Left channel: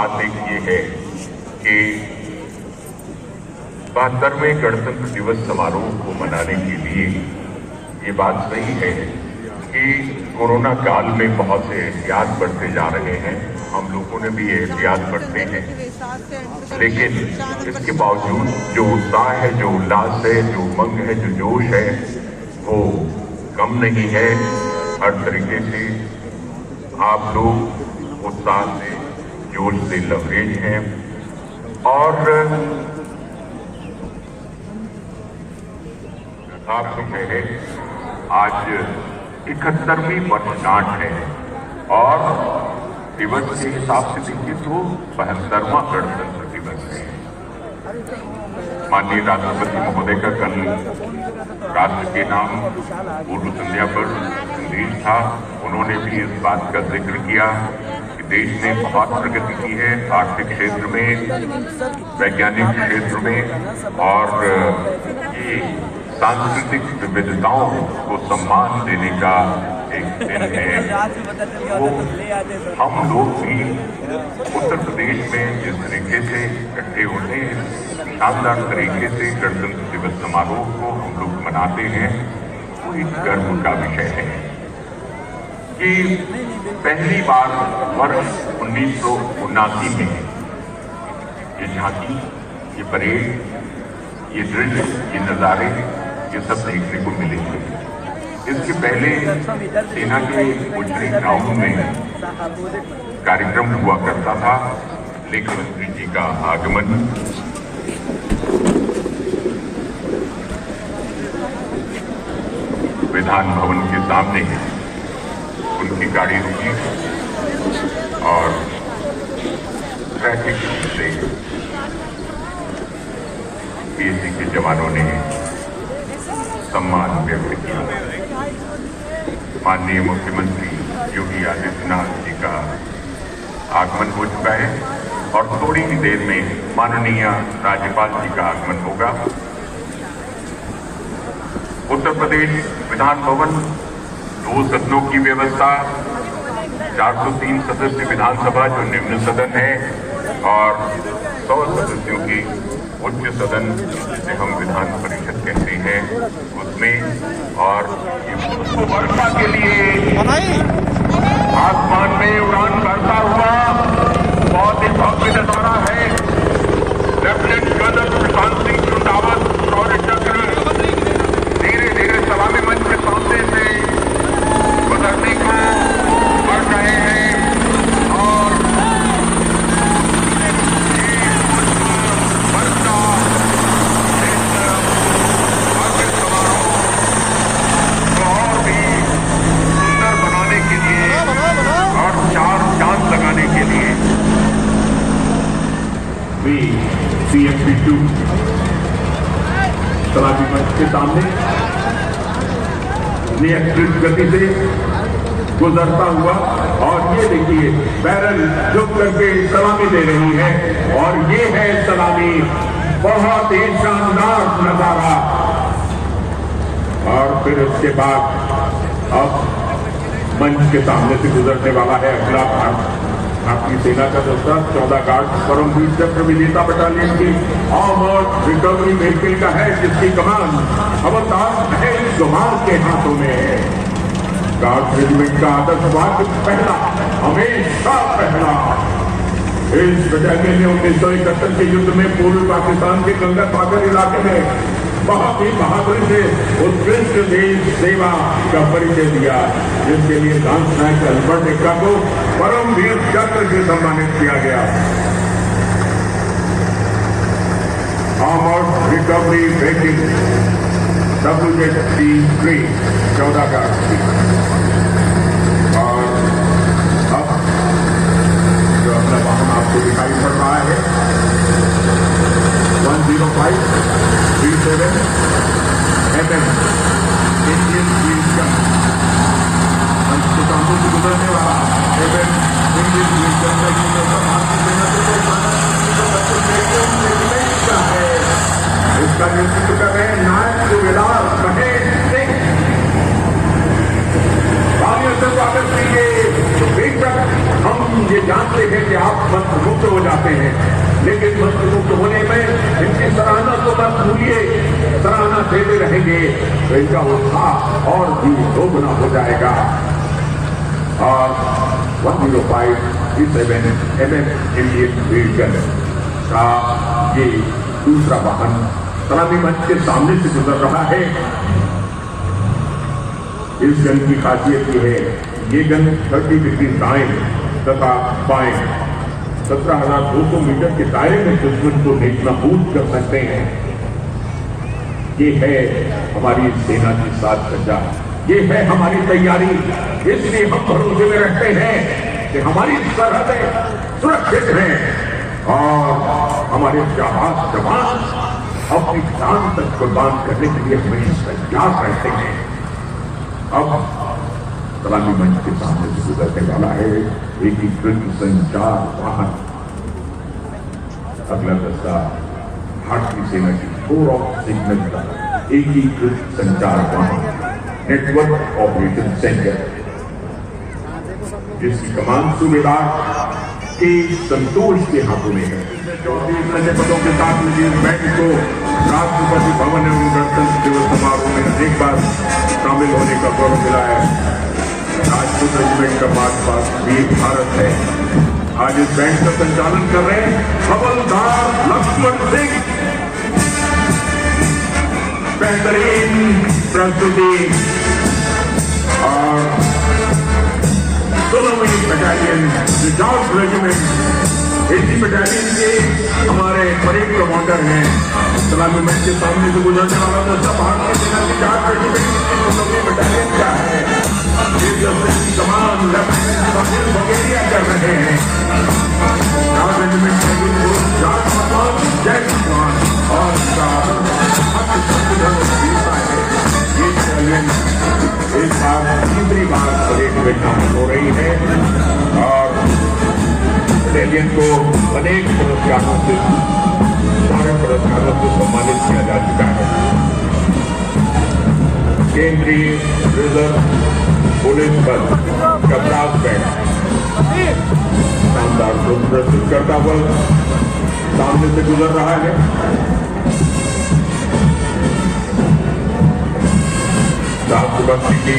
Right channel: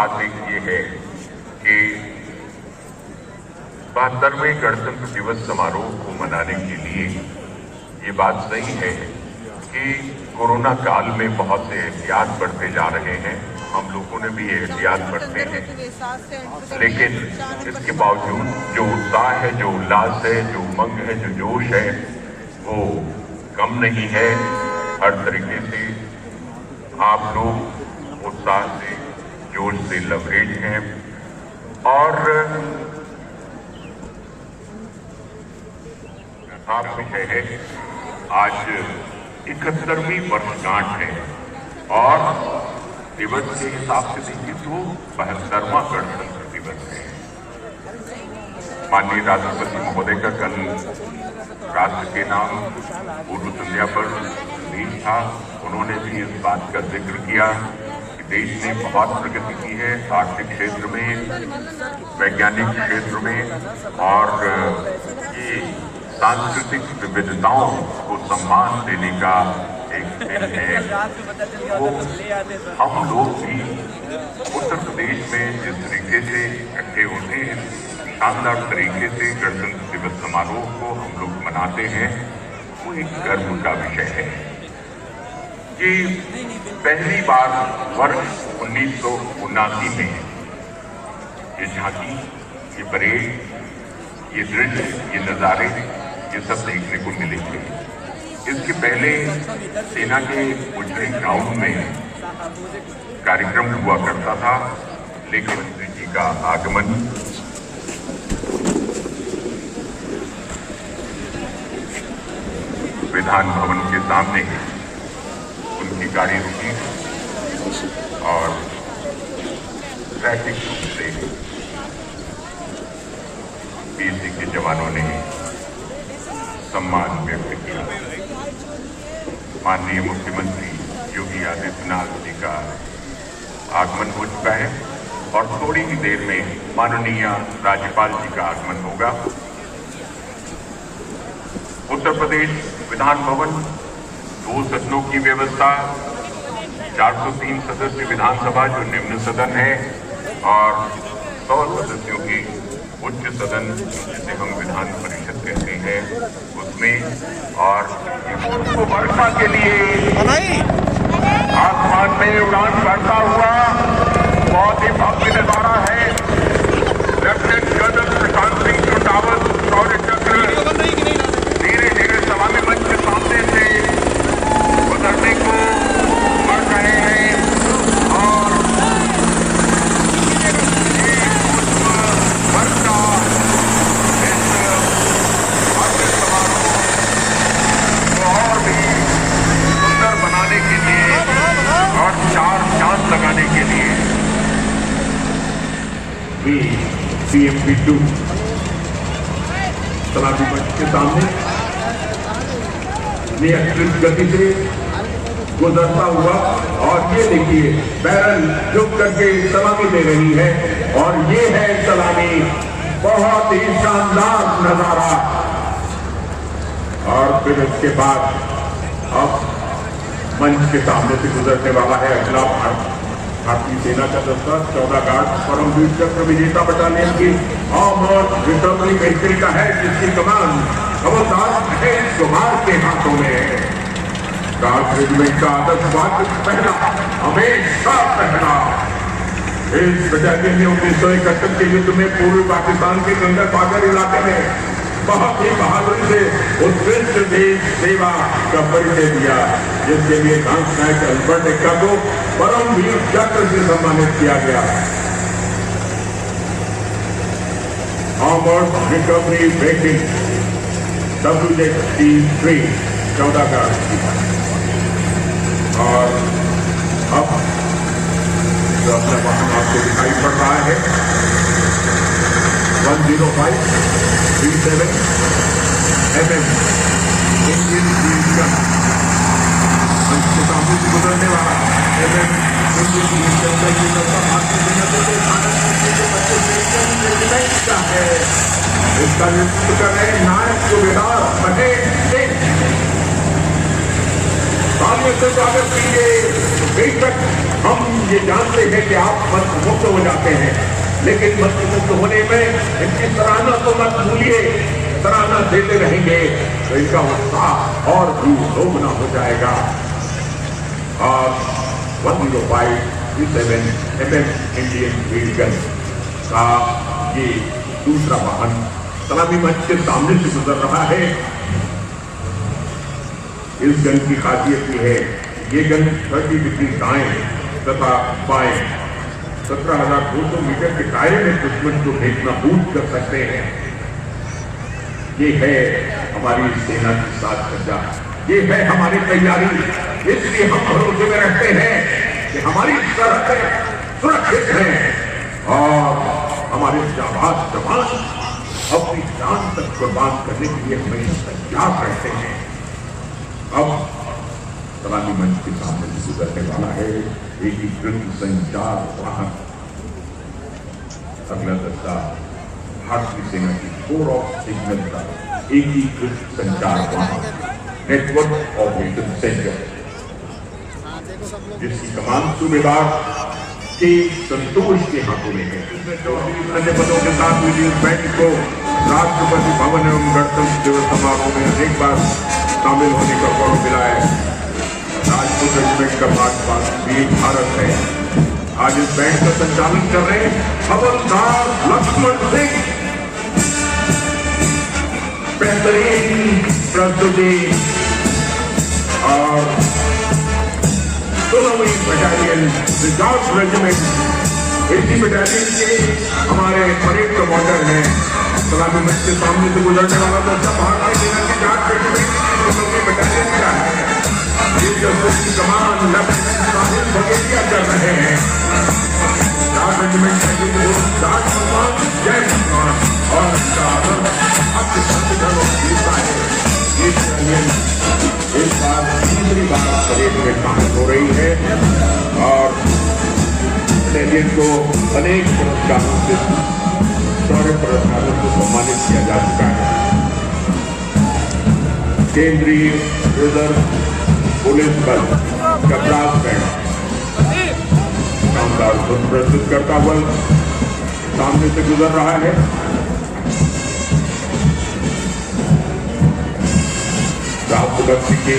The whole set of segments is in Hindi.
बात एक ये है कि 72वें गणतंत्र दिवस समारोह को मनाने के लिए ये बात सही है कि कोरोना काल में बहुत से एहतियात बरते जा रहे हैं। हम लोगों ने भी एहतियात बरते हैं, लेकिन इसके बावजूद जो उत्साह है, जो उल्लास है, जो उमंग है, जो जोश है, वो कम नहीं है। हर तरीके से आप लोग उत्साह से, जोश से लबरेज हैं और आप विषय है आज 71वीं वर्षगांठ है और दिवस के हिसाब से देखिए तो 72वां गणतंत्र दिवस है। माननीय राष्ट्रपति महोदय का कल राष्ट्र के नाम पूर्व संध्या पर संदेश था। उन्होंने भी इस बात का जिक्र किया कि देश ने बहुत प्रगति की है आर्थिक क्षेत्र में, वैज्ञानिक क्षेत्र में और ये सांस्कृतिक विविधताओं को सम्मान देने का एक दिन है। वो हम लोग भी उत्तर प्रदेश में जिस तरीके से इकट्ठे होते हैं, शानदार तरीके से गणतंत्र दिवस समारोह को हम लोग मनाते हैं, वो एक गर्व का विषय है कि पहली बार वर्ष 1979 में ये झांकी, ये परेड, ये दृश्य, ये नजारे, ये सब देखने को मिले थे। इसके पहले सेना के मुजरी ग्राउंड में कार्यक्रम हुआ करता था, लेकिन श्री जी का आगमन विधान भवन के सामने उनकी गाड़ी रुकी और ट्रैफिक से पीएससी के जवानों ने सम्मान व्यक्त किया। माननीय मुख्यमंत्री योगी आदित्यनाथ जी का आगमन हो चुका है और थोड़ी ही देर में माननीय राज्यपाल जी का आगमन होगा। उत्तर प्रदेश विधान भवन 2 सदनों की व्यवस्था, 403 सदस्य विधानसभा जो निम्न सदन है और 100 सदस्यों की उच्च सदन जिसे हम विधान परिषद कहते हैं उसमें, और वर्षा के लिए आसमान में उड़ान करता हुआ बहुत ही भव्य नजारा है। लेफ्टिनेंट जनरल सुशांत सिंह चुनाव शौर्य चक्र धीरे धीरे सलामी मंच सामने से गुजरने को कर रहे हैं और CMP2 सलामी मंच के सामने ये एक्सप्रेस गति से गुजरता हुआ और ये देखिए बैरल झुक करके सलामी दे रही है और ये है सलामी, बहुत ही शानदार नजारा। और फिर उसके बाद अब मंच के सामने से गुजरने वाला है अगला भारतीय सेना का दस्ता 14 गार्ड परमवीर चक्र विजेता बटालियन की आर्मर्ड रिकवरी मिलिट्री का है, जिसकी कमान हवलदार महेश कुमार के हाथों में है। गार्ड रेजिमेंट का आतंकवाद पहला, हमेशा पहला। इस बटालियन ने 1971 के युद्ध में पूर्वी पाकिस्तान के गंगा सागर इलाके में बहुत ही बहादुरी से उत्कृष्ट देश सेवा का परिचय दिया, जिसके लिए लांस नायक अल्बर्ट एक्का को परमवीर चक्र से सम्मानित किया गया। आर्मर्ड रिकवरी ब्रेकिंग WZ-3 14 का और अब जो अपना वाहन आपको दिखाई पड़ रहा है 10537 FM इसका नेतृत्व कर रहे हैं नायक सूबेदार महेश सिंह। स्वागत है। हम ये जानते हैं कि आप मुख्य सराहना तो मत भूलिए, सराहना देते रहेंगे तो इनका उत्साह और भी दोगुना हो जाएगा। और 105E7 MS इंडियन व्हीकल का ये दूसरा वाहन सलामी मंच के सामने से गुजर रहा है। इस गन की खासियत ये है, ये गन 30 डिग्री दाएं तथा बाएं 17,200 मीटर के दायरे में दुश्मन को नेस्तनाबूद कर सकते हैं। ये है हमारी सेना की साज सज्जा, ये है हमारी तैयारी। इसलिए हम भरोसे में रहते हैं कि हमारी सरहदें सुरक्षित हैं और हमारे जाबाज जवान अपनी जान तक कुर्बान करने के लिए हमेशा तैयार रहते हैं। अब सलामी मंच के सामने से गुजरने वाला है एकीकृत संचार वाहन। अगला दस्ता भारतीय सेना की कोर ऑफ सिग्नल का एकीकृत संचार वाहन नेटवर्क ऑपरेशन सेंटर, जिसकी कमान सूबेदार के संतोष के हाथों में है। 34 पदों के साथ इस बैंड को राष्ट्रपति भवन एवं गणतंत्र दिवस समारोह में एक बार शामिल होने का गौरव मिला है। राजपूत रेजिमेंट का पास वीर भारत है। आज इस बैंड का संचालन कर रहे हवलदार लक्ष्मण सिंह। बेहतरीन प्रस्तुति और 16वीं बटालियन रिजर्व रेजिमेंट, इसी बटालियन के हमारे परेड कमांडर हैं। सलामी मंच के सामने से गुजरने वाला था भारतीय सेना की 4 बटालियन का है। कमान बगेरिया कर रहे हैं। 4 रेजिमेंट इस बार तीसरी बार परेड में शामिल हो रही है और बटालियन को अनेक पुरस्कारों से, सारे पुरस्कारों से सम्मानित किया जा चुका है। केंद्रीय रिजर्व पुलिस बल का ब्रास बैंड शानदार धुन प्रस्तुत करता हुआ सामने से गुजर रहा है। राष्ट्रभक्ति की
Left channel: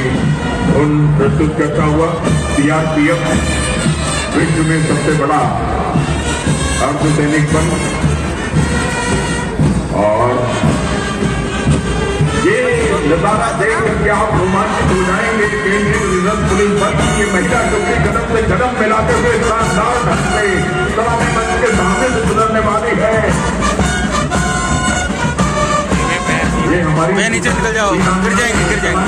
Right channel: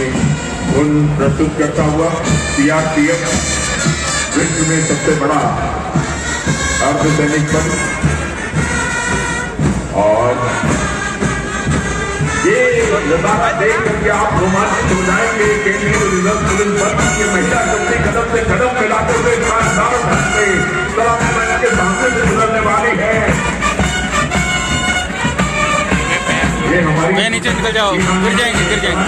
धुन प्रस्तुत करता हुआ CRPF विश्व में सबसे बड़ा अर्धसैनिक बल, और ये नजारा देख करके आप रोमांचित हो जाएंगे। केंद्रीय रिजर्व पुलिस बल की महिला टुकड़ी कदम से कदम मिलाते हुए सलामी मंच के सामने से गुजरने वाली है। ये हमारी मैं नीचे निकल जाओ, गिर जाएंगे गिर जाएंगे।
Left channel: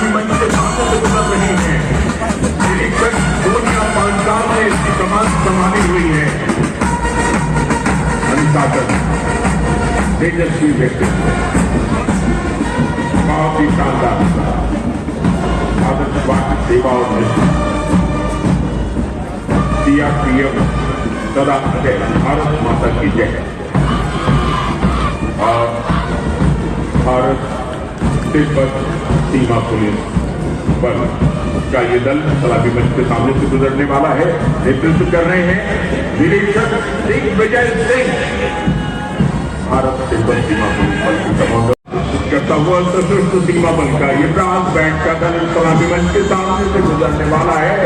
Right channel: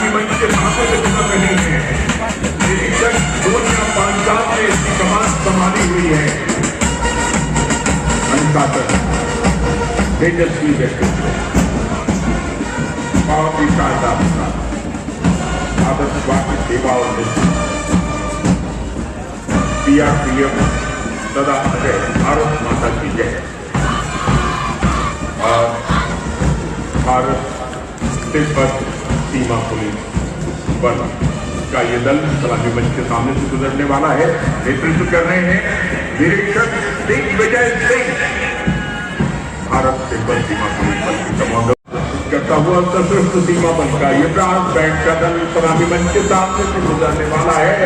निरीक्षक सोनिया पांचाल ने इसकी कमान संभाली हुई है। तेजस्वी व्यक्तित्व, बहुत ही शानदार आदर्शवादी सेवा और CRPF सदा जय, भारत माता की जय। और भारत तिब्बत सीमा पुलिस बल का ये दल सलामी मंच के सामने से गुजरने वाला है। नेतृत्व कर रहे हैं निरीक्षक दिग्विजय सिंह। भारत तिब्बत सीमा पुलिस बल की कमांडर करता हुआ सशस्त्र सीमा बल का ये ब्रास बैंड का दल सलामी मंच के सामने से गुजरने वाला है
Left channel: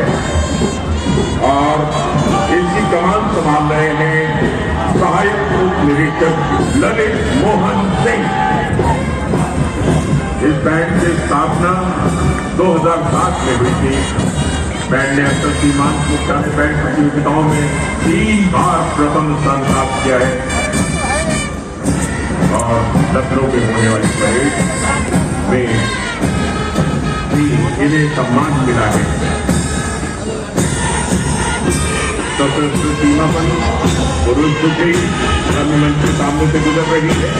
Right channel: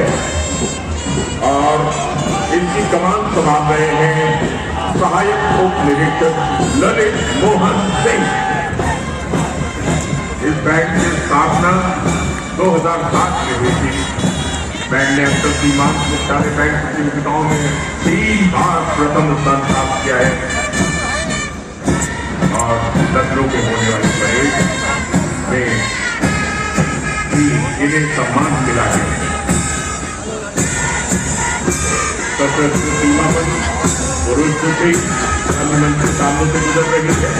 और इनकी कमान संभाल रहे हैं सहायक उप निरीक्षक ललित मोहन सिंह। इस बैंड की स्थापना 2007 में हुई थी। बैंड ने अब तक सीमांत में सारे बैंड प्रतियोगिताओं में 3 बार प्रथम स्थान प्राप्त किया है और लखनऊ के होने वाली परेड में भी इन्हें सम्मान मिला है। सशस्त्र सीमा बल पुरुष टुकड़ी मंच के सामने से गुजर रही है।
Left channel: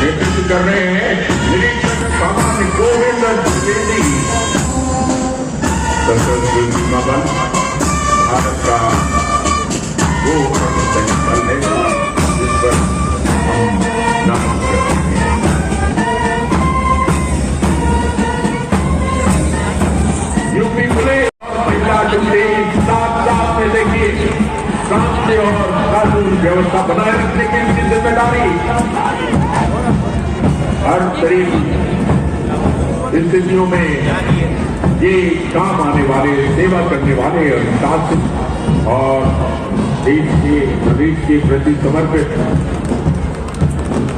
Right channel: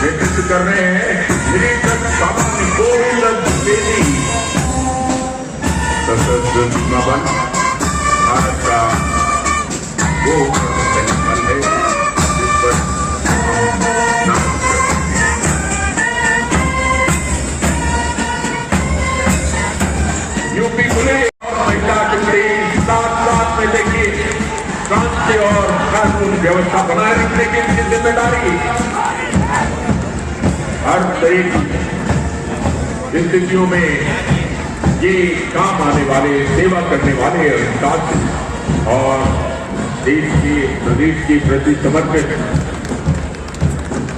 नेतृत्व कर रहे हैं निरीक्षक बाबा गोविंद द्विवेदी। सशस्त्र सीमा बल भारत का वो बल है जिस पर हम नमन करते हैं। यूपी पुलिस और महिला टुकड़ी साथ में देखिए शांति और कानून व्यवस्था बनाए रखने की जिम्मेदारी कठिन स्थितियों में ये काम आने वाले, सेवा करने वाले शासक और देश के प्रदेश के प्रति समर्पित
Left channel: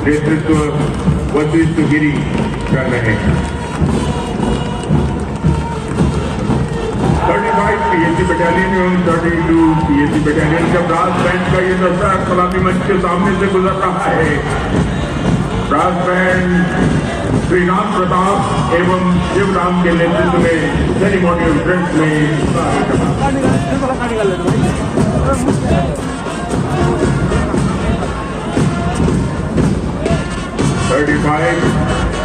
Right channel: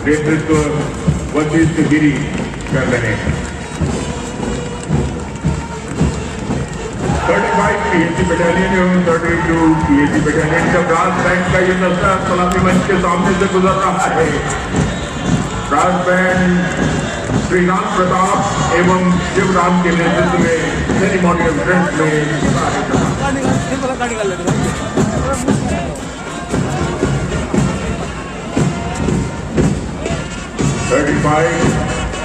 नेतृत्व वशिष्ठ गिरी कर रहे हैं। 35 पीएसी बटालियन एवं 32 पीएसी बटालियन का ब्रास बैंड का ये दस्ता सलामी मंच के सामने से गुजर रहा है। ब्रास बैंड श्री राम प्रताप एवं शिवराम के नेतृत्व में सेरेमोनियल ड्रेस में 35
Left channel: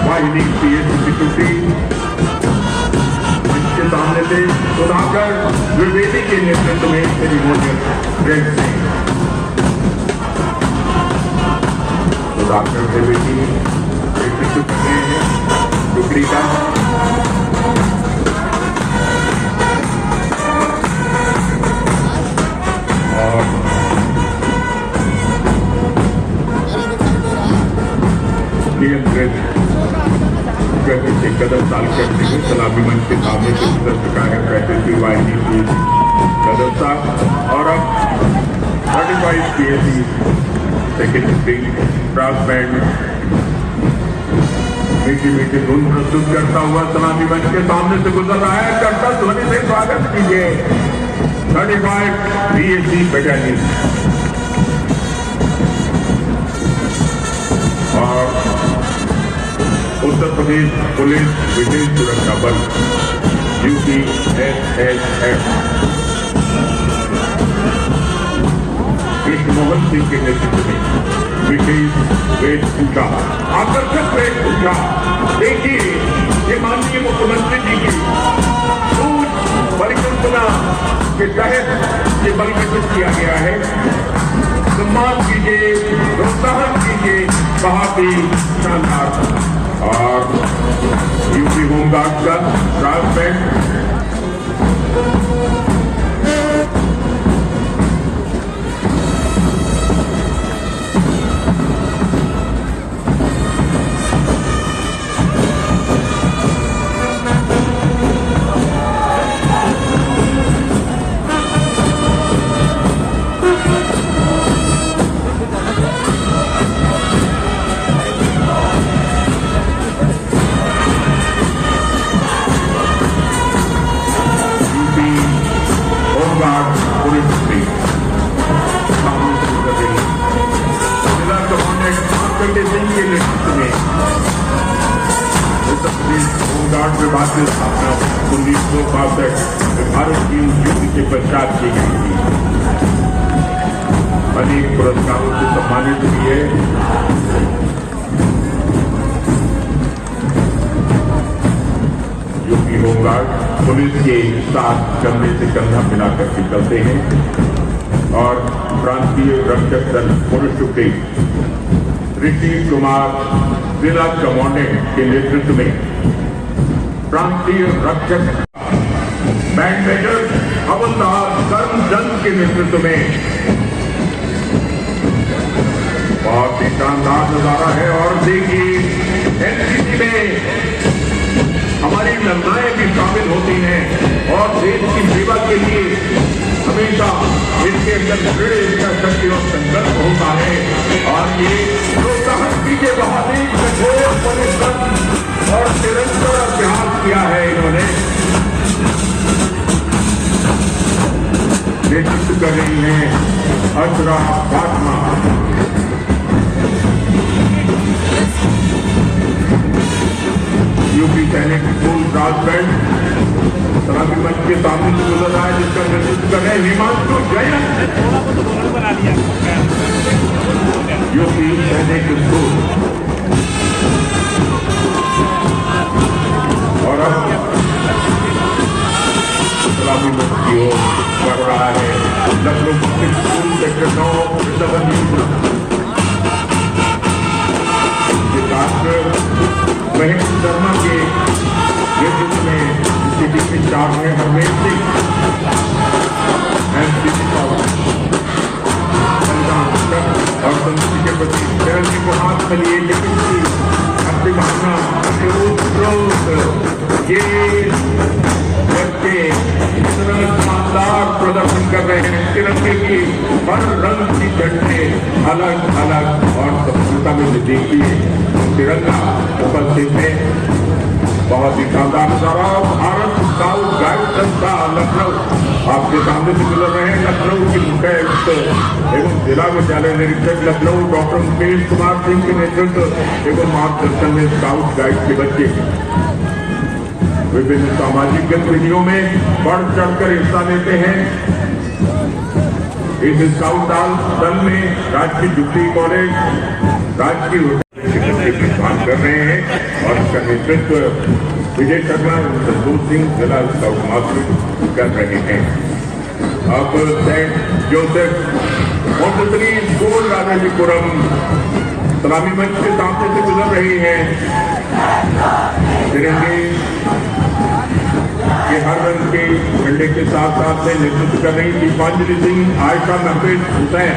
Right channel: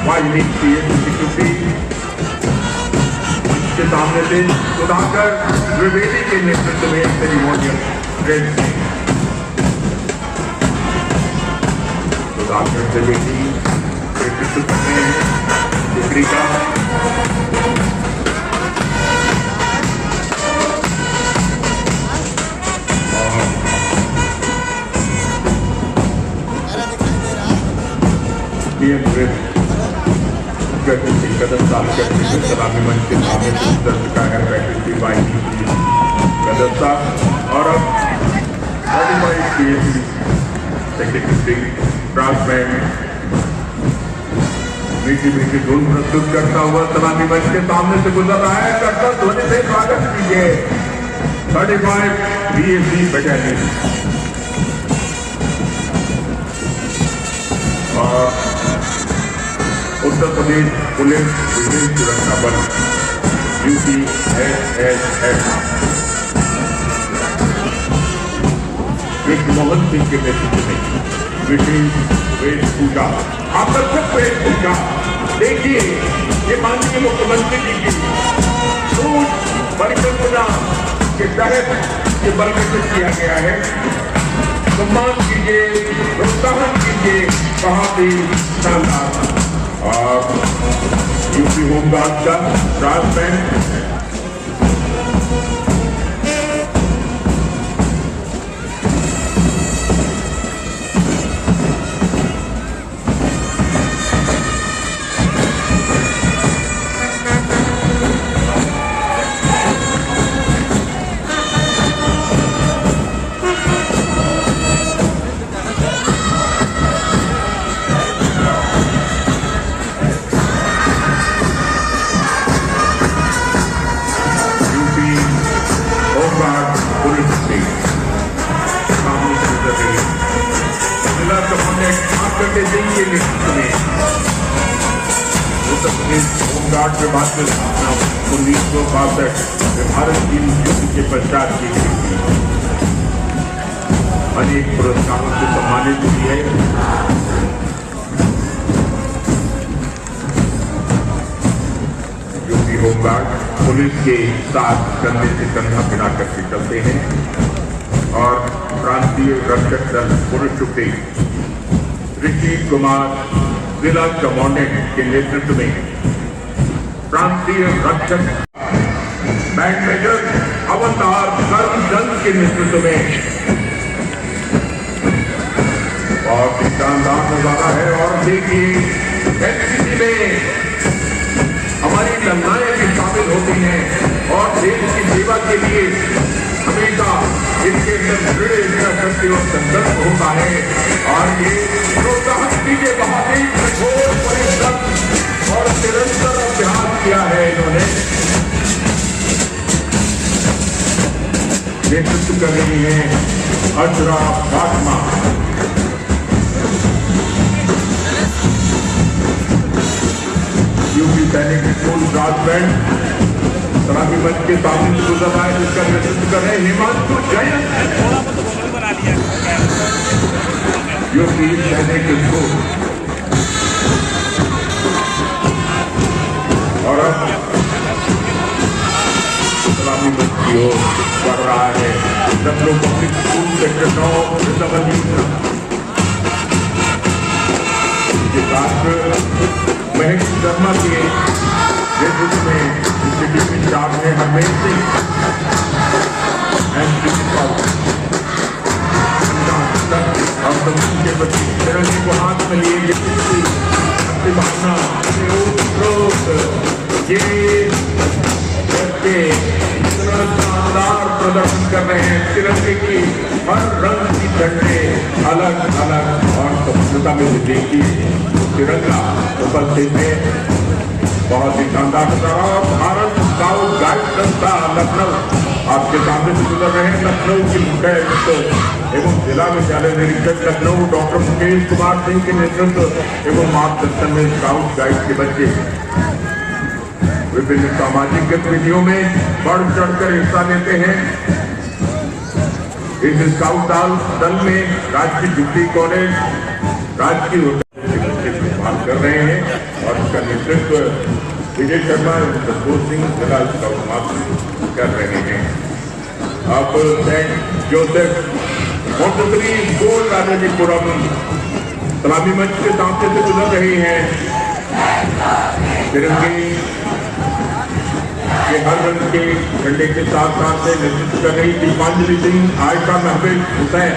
वाहिनी पीएसी सिक्योरिटी के सामने से सुधाकर द्विवेदी के नेतृत्व में सेरेमोनियल ड्रेस में सुधाकर द्विवेदी डिग्री का और नियंत्रित करने से कदम डाल करने को सलामी मंच के सामने से उत्तर चुका है 35वीं वाहिनी की सदस्यता। और अब 35 पीएसी सेकेंडरी ब्रास बैंड मीठी मीठी धुन प्रस्तुत करता हुआ सलामी मंच के सामने से गुजर रहा है। कर्तव्य ध्वनि से स्वागत कीजिए 35 पीएसी बटालियन और उत्तर प्रदेश पुलिस विशेष सुरक्षा बल UPSS कृष्णमोहन सिंह के नेतृत्व में विशेष वेशभूषा, आकर्षक वेशभूषा। देखिए ये माननीय मुख्यमंत्री जी की परिकल्पना के तहत ये बल विकसित किया गया है। सम्मान कीजिए, प्रोत्साहन कीजिए, बहुत ही शानदार। और यूपी होमगार्ड का ब्रास बैंड होमगार्ड विभाग की स्थापना 1962 में भारत की युद्ध के पश्चात की गई थी। अनेक पुरस्कारों से सम्मानित हुई है। यूपी होमगार्ड पुलिस के साथ कंधे से कंधा मिलाकर के चलते हैं। और प्रांतीय रक्षक दल पुरुष टुकड़ी ऋषि कुमार जिला कमांडेंट के नेतृत्व में प्रांतीय रक्षक बैंड मेजर अवतार करमचंद के नेतृत्व में बहुत ही शानदार नजारा है। और देखिए एनसीसी में हमारी महिलाएं भी शामिल होती हैं और देश की सेवा के लिए हमेशा इसके अंदर बड़े संघर्ष होता है। और ये प्रोत्साहन दीजिए, बहुत ही कठोर परिश्रम और निरंतर अभ्यास किया है इन्होंने। नेतृत्व कर रही है अजरा फातिमा। यूपी सैनिक स्कूल ब्रास बैंड सलामी मंच के सामने से गुजर रहा है, जिसका नेतृत्व कर रहे हैं हिमांशु जैन। यूपी सैनिक स्कूल और अब सलामी मंच की ओर बढ़ रहा है लखनऊ पब्लिक स्कूल सेक्टर 9 महक शर्मा के नेतृत्व में डिप्टी इंचार्ज है हरमेश सिंह और समिति के प्रति को हाथ में लिए लेकिन अपनी भावना ये बच्चे इतना शानदार प्रदर्शन कर रहे हैं। तिरंगे की हर रंग की झंडे अलग अलग और संस्कृता में देखिए तिरंगा उपस्थित है। बहुत ही शानदार प्रभाव। भारत स्काउट गाइड संस्था लखनऊ आपके सामने से गुजर रहे हैं। लखनऊ के मुख्य एवं जिला विद्यालय निरीक्षक लखनऊ डॉक्टर मुकेश कुमार सिंह के नेतृत्व एवं मार्गदर्शन में स्काउट गाइड के बच्चे विभिन्न सामाजिक गतिविधियों में बढ़ चढ़कर हिस्सा लेते हैं। इस स्काउट दल में राजकीय जुबली कॉलेज राजकीय कर रहे हैं और इसका नेतृत्व विजय शर्मा संतोष सिंह जिला स्काउट मास्टर कर रहे हैं। अब सेंट जोसेफ मोटरी स्कूल राजाजीपुरम सलामी मंच के सामने से गुजर रही है। तिरंगे के हर रंग के झंडे के साथ साथ में नेतृत्व कर रही Deepanjali Singh, Ayesha Mahfiz Hussain,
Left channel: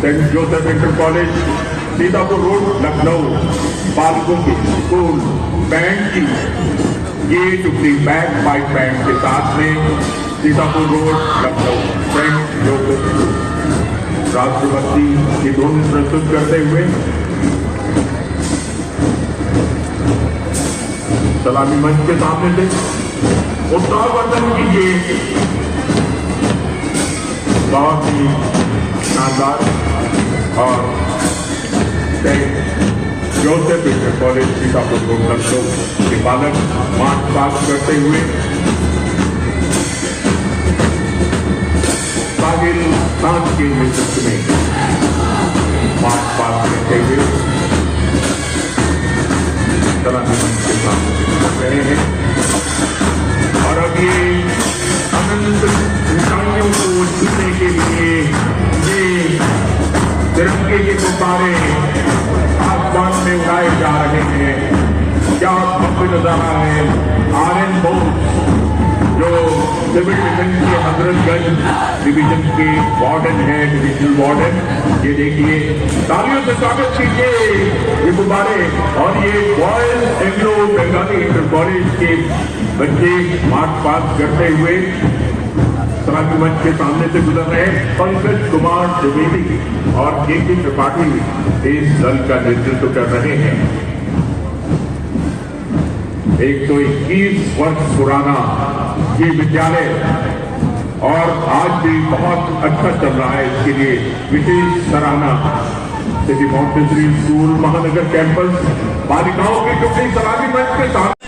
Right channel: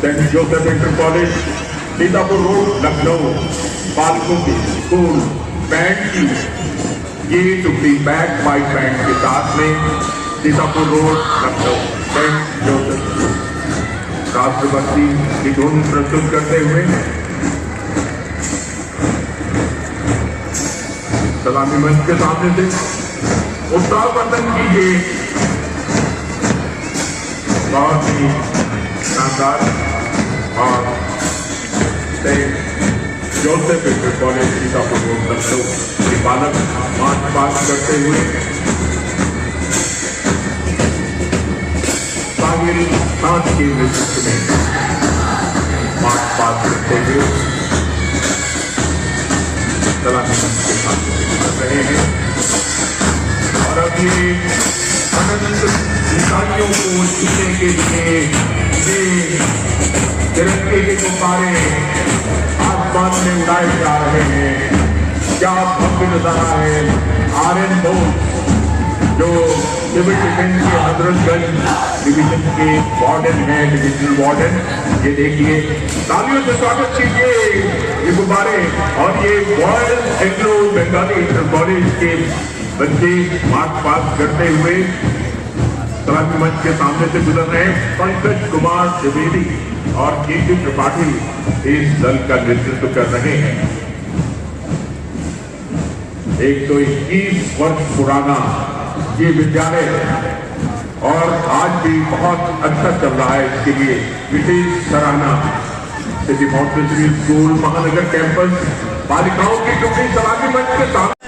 saint Joseph inter college Sitapur road Lucknow बालकों की स्कूल बैंड की ये टुकड़ी बैक बाइक बैंड के साथ में Sitapur road Lucknow saint Joseph राष्ट्रभक्ति की धुन प्रस्तुत करते हुए सलामी मंच के सामने से उत्साहवर्धन कीजिए। बहुत ही शानदार और Joseph inter college Sitapur road Lucknow के बालक मार्च पास करते हुए काबिल खान के नेतृत्व में मार्च पास करते हुए रहे हैं। और अभी आनंद ऊंचाइयों को छूने के लिए ये तिरंगे के गुब्बारे आसमान में उड़ाए जा रहे हैं। क्या भव्य नजारा है। आर्यन बोस जो सिविल डिफेंस के हजरतगंज डिवीजन के वार्डन है, डिविजनल वार्डन, ये देखिए तालियों से स्वागत कीजिए ये गुब्बारे। और ये royal Anglo Bengali inter college के बच्चे मार्च पास करते हुए सलामी मंच के सामने से गुजर रहे हैं। पंकज कुमार द्विवेदी और के त्रिपाठी इस दल का नेतृत्व कर रहे हैं। 121 वर्ष पुराना ये विद्यालय और आज भी बहुत अच्छा चल रहा है। इसके लिए विशेष सराहना सिटी मॉन्टेसरी स्कूल महानगर कैंपस बालिकाओं की टुकड़ी सलामी मंच के सामने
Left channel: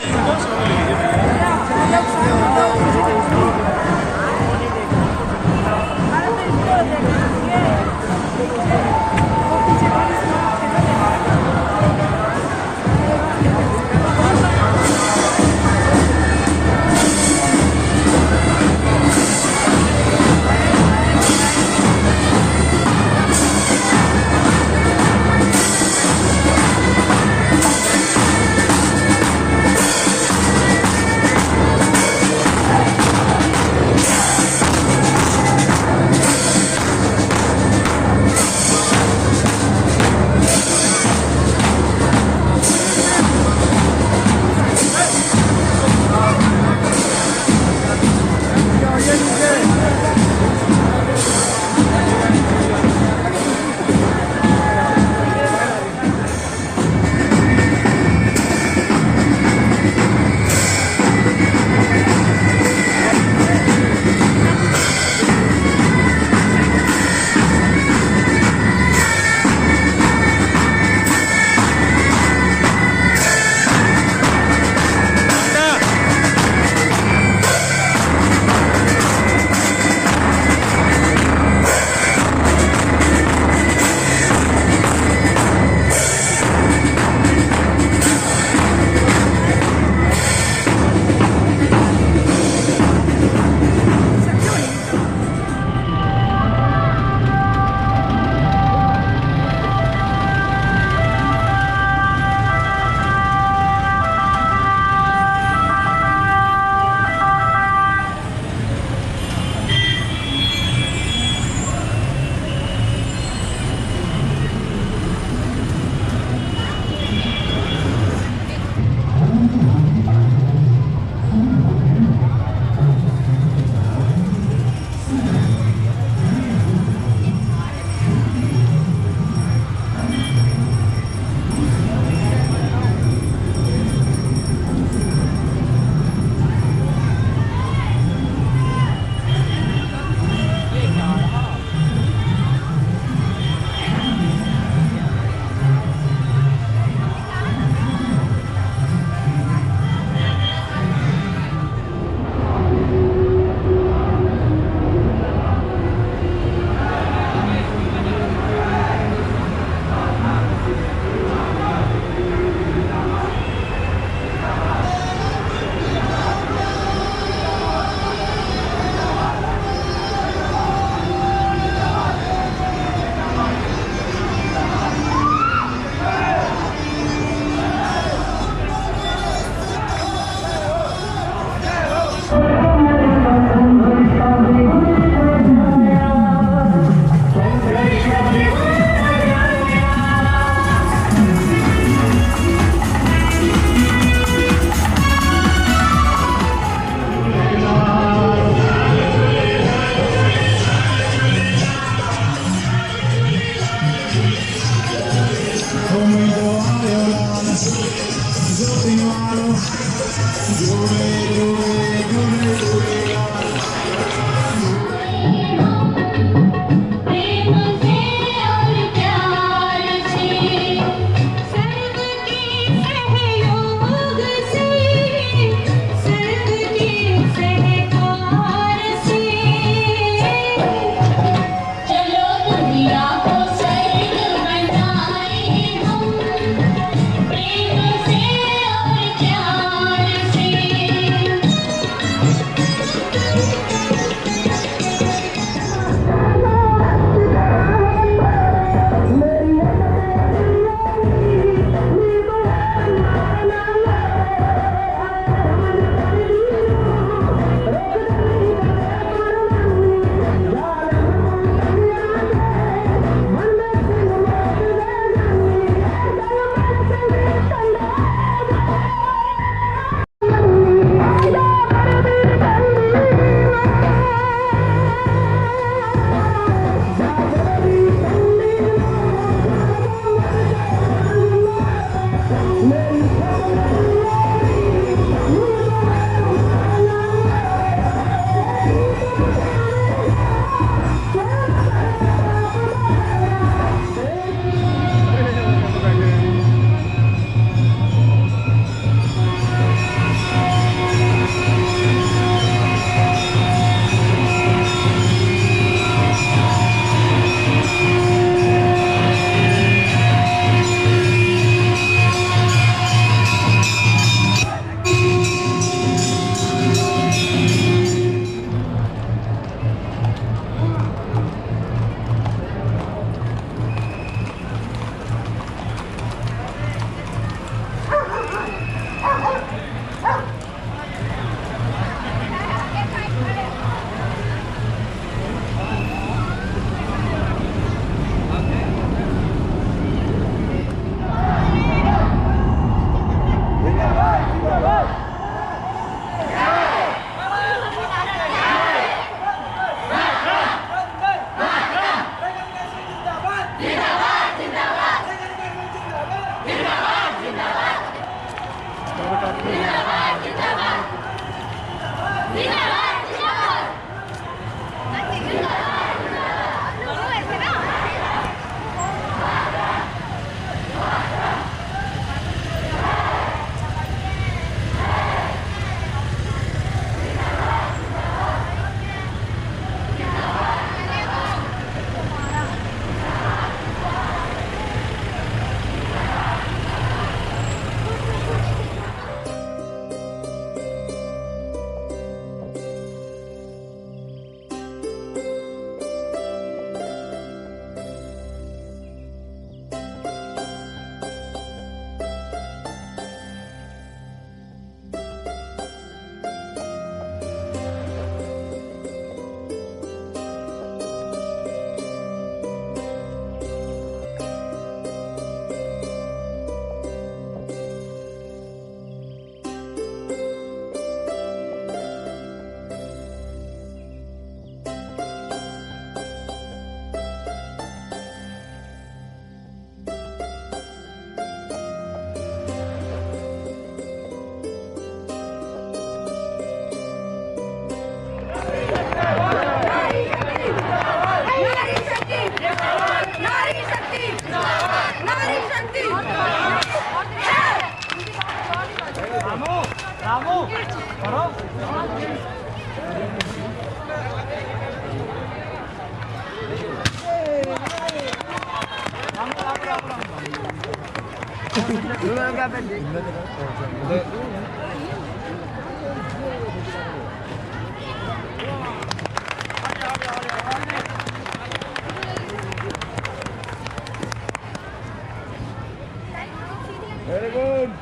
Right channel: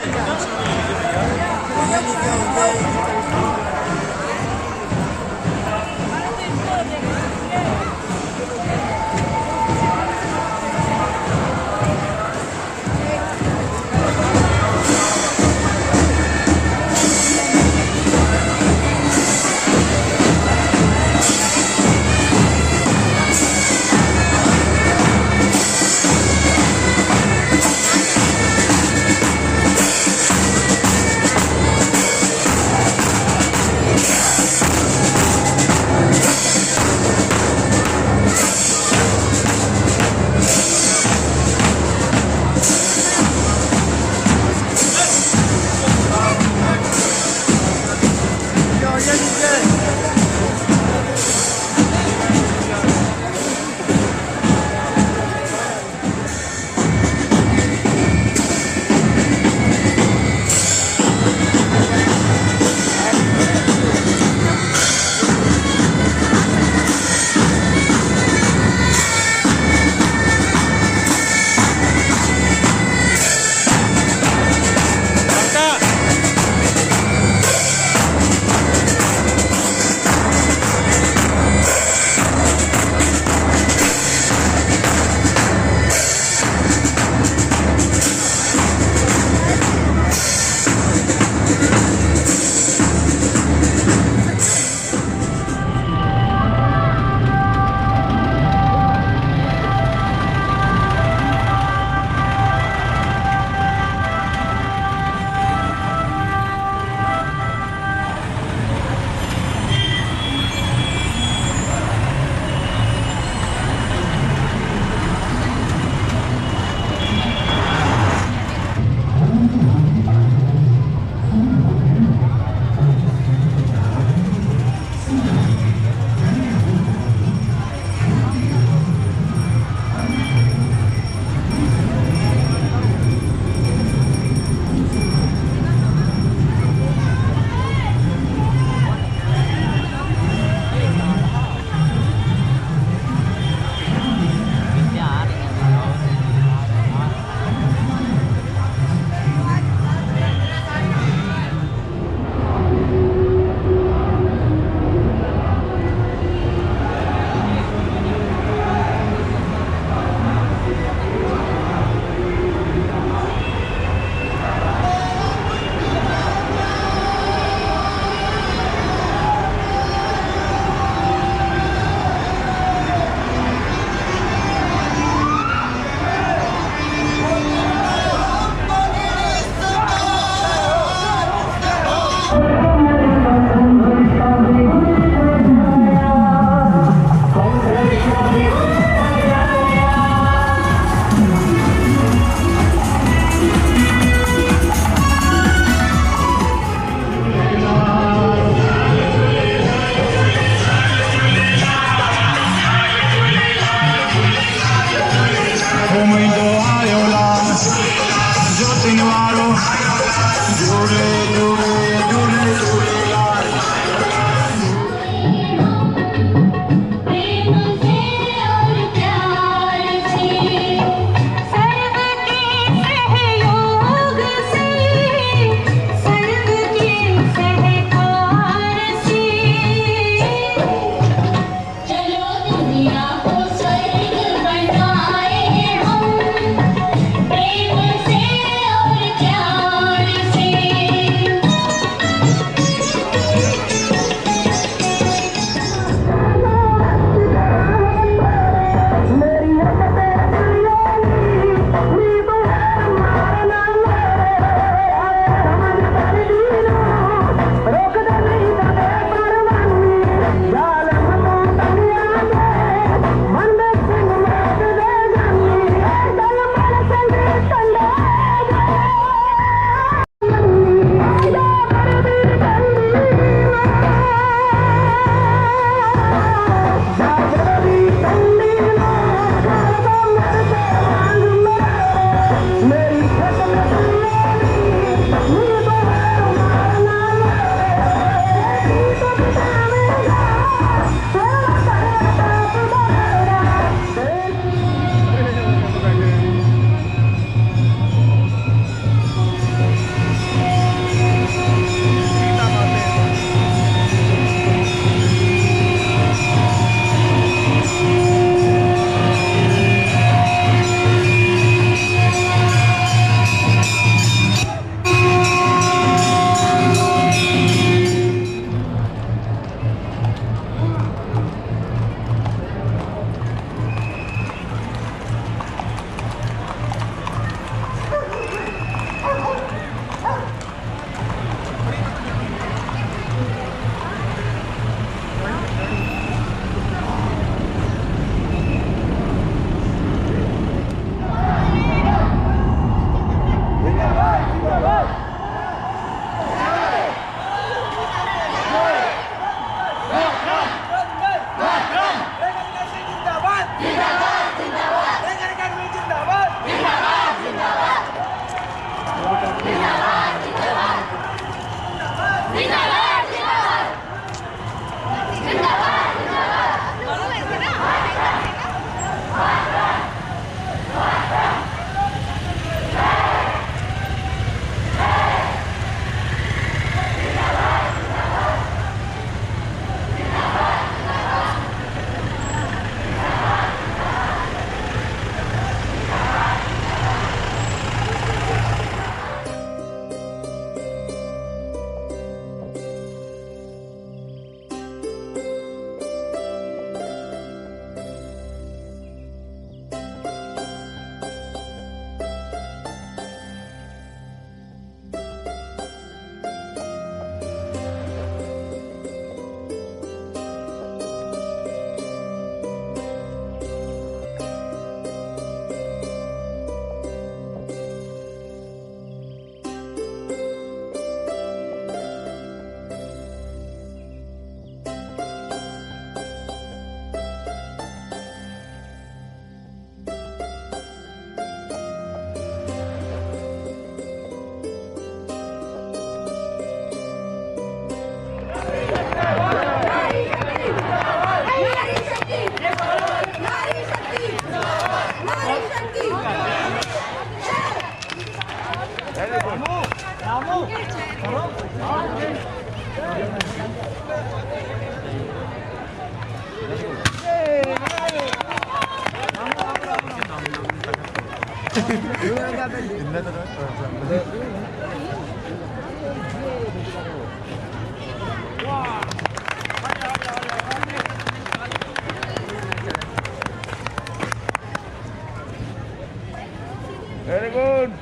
Very good.